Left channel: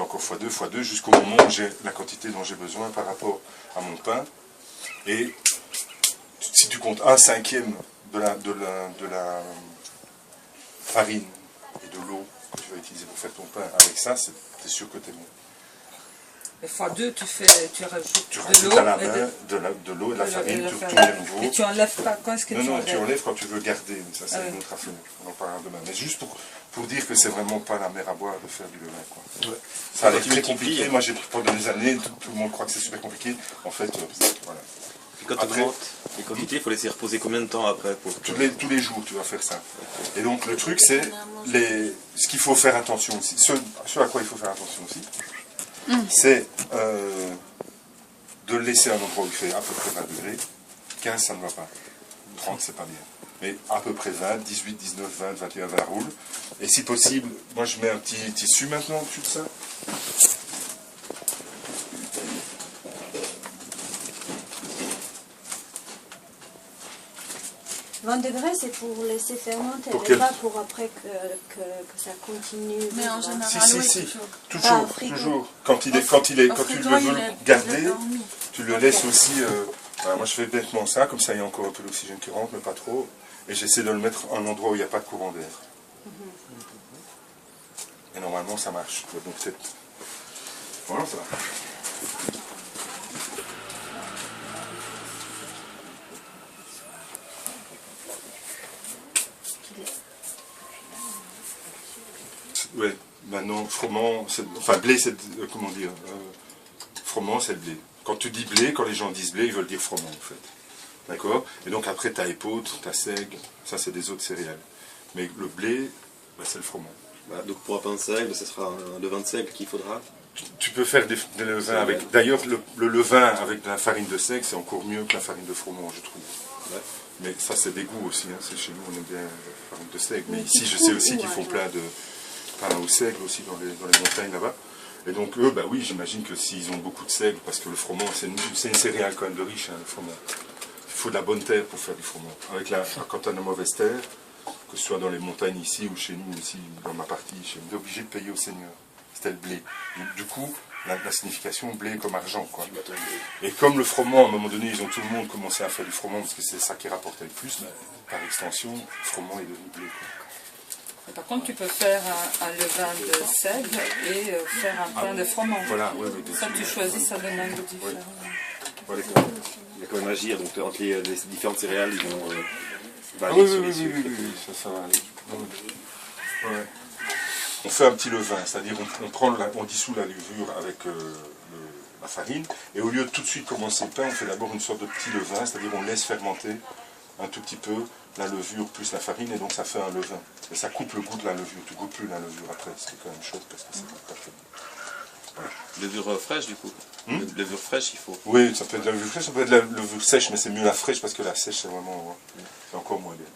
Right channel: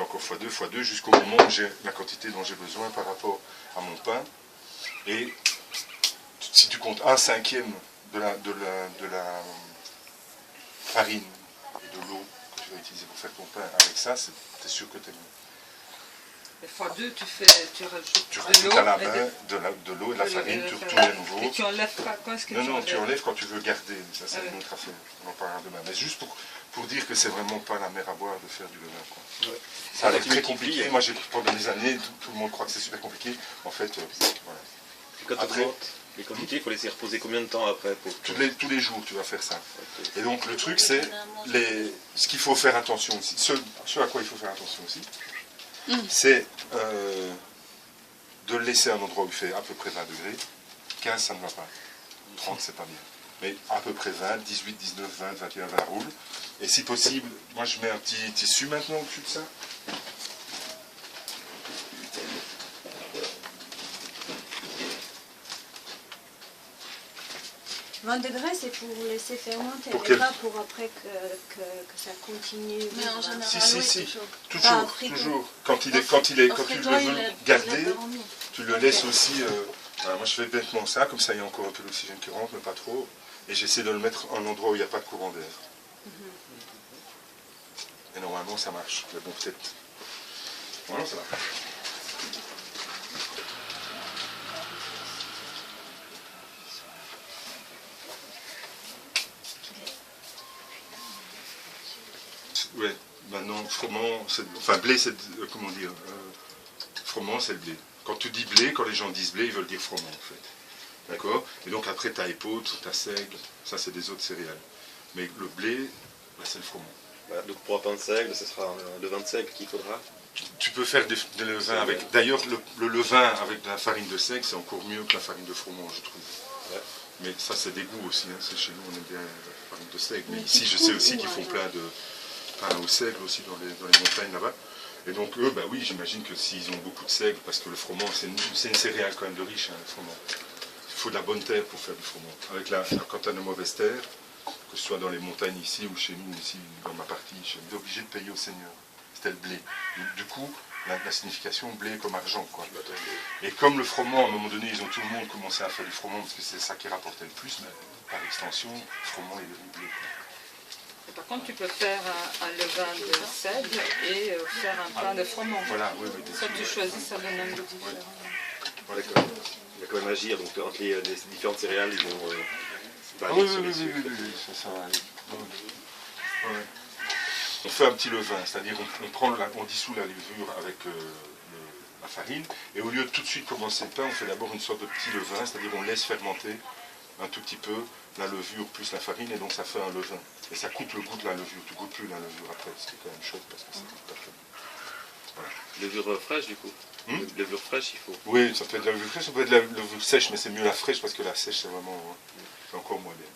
fais encore x2, jusqu'au moment où j'ai la quantité dont j'ai besoin par rapport à mon pain. Et si tu comptes 1/5 de la farine et de l'eau que tu vas utiliser pour faire ton pain, avec ça, c'est sûr que tu es bon. Et x2, tu rajoutes Tu rajoutes à la main de l'eau et de la farine, tu retournes à nouveau. Et tu enlèves pas quand est-ce que tu enlèves? Non, tu enlèves quand tu veux garder, ça c'est une autre affaire, on en parlera demain. Mais juste pour dire que c'est vraiment pas la mer à boire de faire du levain, quoi. Ouais. Ça a l'air très compliqué, moi j'ai pendant des années, tout le monde croit que c'est super compliqué, en fait, voilà. Quand après, les quantités, il faut laisser reposer combien de temps après tous les jours tu vas faire ça. Et donc le truc c'est, ce qu'il faut faire attention aussi, ce à quoi il faut faire attention aussi, c'est de le laisser à un endroit où il fait à peu près 20 degrés, 15 ça ne va pas, 30 c'est pas bien. Mais à peu près 20, 18, 19, 20, 21, 20 roule. Et si possible, moi je mets un petit tissu maintenant au-dessus de ça. 20 degrés, c'est pour laisser fermenter, pour mais pas pour après que ça continue. Mais en général, si, oui, toujours. Quand tu le veux garder, tu le laisses aussi... moi je fais bêtement ça, comme ça il y a encore un peu d'oxygène qui rentre, mais pas trop. Et j'essaie de le mettre à un endroit où il n'y a pas de courant d'air. Et normalement ça marche. Donc peut-être... Voilà, ça va. Oui, maintenant, froment, enfin blé, c'est, comment dire, froment, c'est le blé. Quand tu dis blé, quand les gens disent blé, ils veulent dire froment, en fait. D'accord? Et donc après, tu as épeautre, tu as seigle, ça c'est des autres céréales. Mais le blé, bah, c'est le froment. Voilà, donc pour un pain de seigle, ce sera le levain de seigle qu'il faudra. Tu peux faire des levains avec... D'ailleurs, le levain avec de la farine de seigle, c'est encore mieux que la farine de froment, je trouve. Ouais. Mais ça, c'est des goûts aussi. Hein. Chez nous, on aime bien la farine de seigle. Mais ici, je sais aussi qu'ils font plein de pain au seigle aussi dans les montagnes là-bas. Et donc, eux, bah oui, j'imagine que s'ils ont beaucoup de seigle, parce que le froment, c'est une céréale quand même de riche, hein, le froment. Il faut de la bonne terre pour faire du froment. Quand tu as de mauvaise terre, que ce soit dans les montagnes ici ou chez nous, ici, dans ma partie, je suis obligé de payer au seigneur. C'était le blé. Du coup, la signification blé comme argent, quoi. Et comme le froment, à un moment donné, ils ont tout le monde commencé à faire du froment, parce que c'est ça qui rapportait le plus, par extension, le froment est devenu blé. Par contre, tu peux faire un levain de seigle et faire un pain de froment. Voilà, oui, oui. Ça, tu choisis, ça donne un goût différent. Voilà, il y a quand même à agir, donc entre les différentes céréales, ils vont... oui, ça va aller. Ouais. On fait un petit levain, c'est-à-dire on dissout la levure avec la farine, et au lieu de tout de suite commencer le pain, on fait d'abord une sorte de petit levain, c'est-à-dire on laisse fermenter un tout petit peu la levure plus la farine, et donc ça fait un levain. Et ça coupe le goût de la levure, tu ne goûtes plus la levure après, c'est quand même chouette parce que ça goûte pas fait. Voilà. Levure fraîche du coup. Levure fraîche, il faut. Oui, ça peut être de la levure fraîche, ça peut être de la levure sèche, mais c'est mieux la fraîche parce que la sèche c'est vraiment... c'est encore moins bien.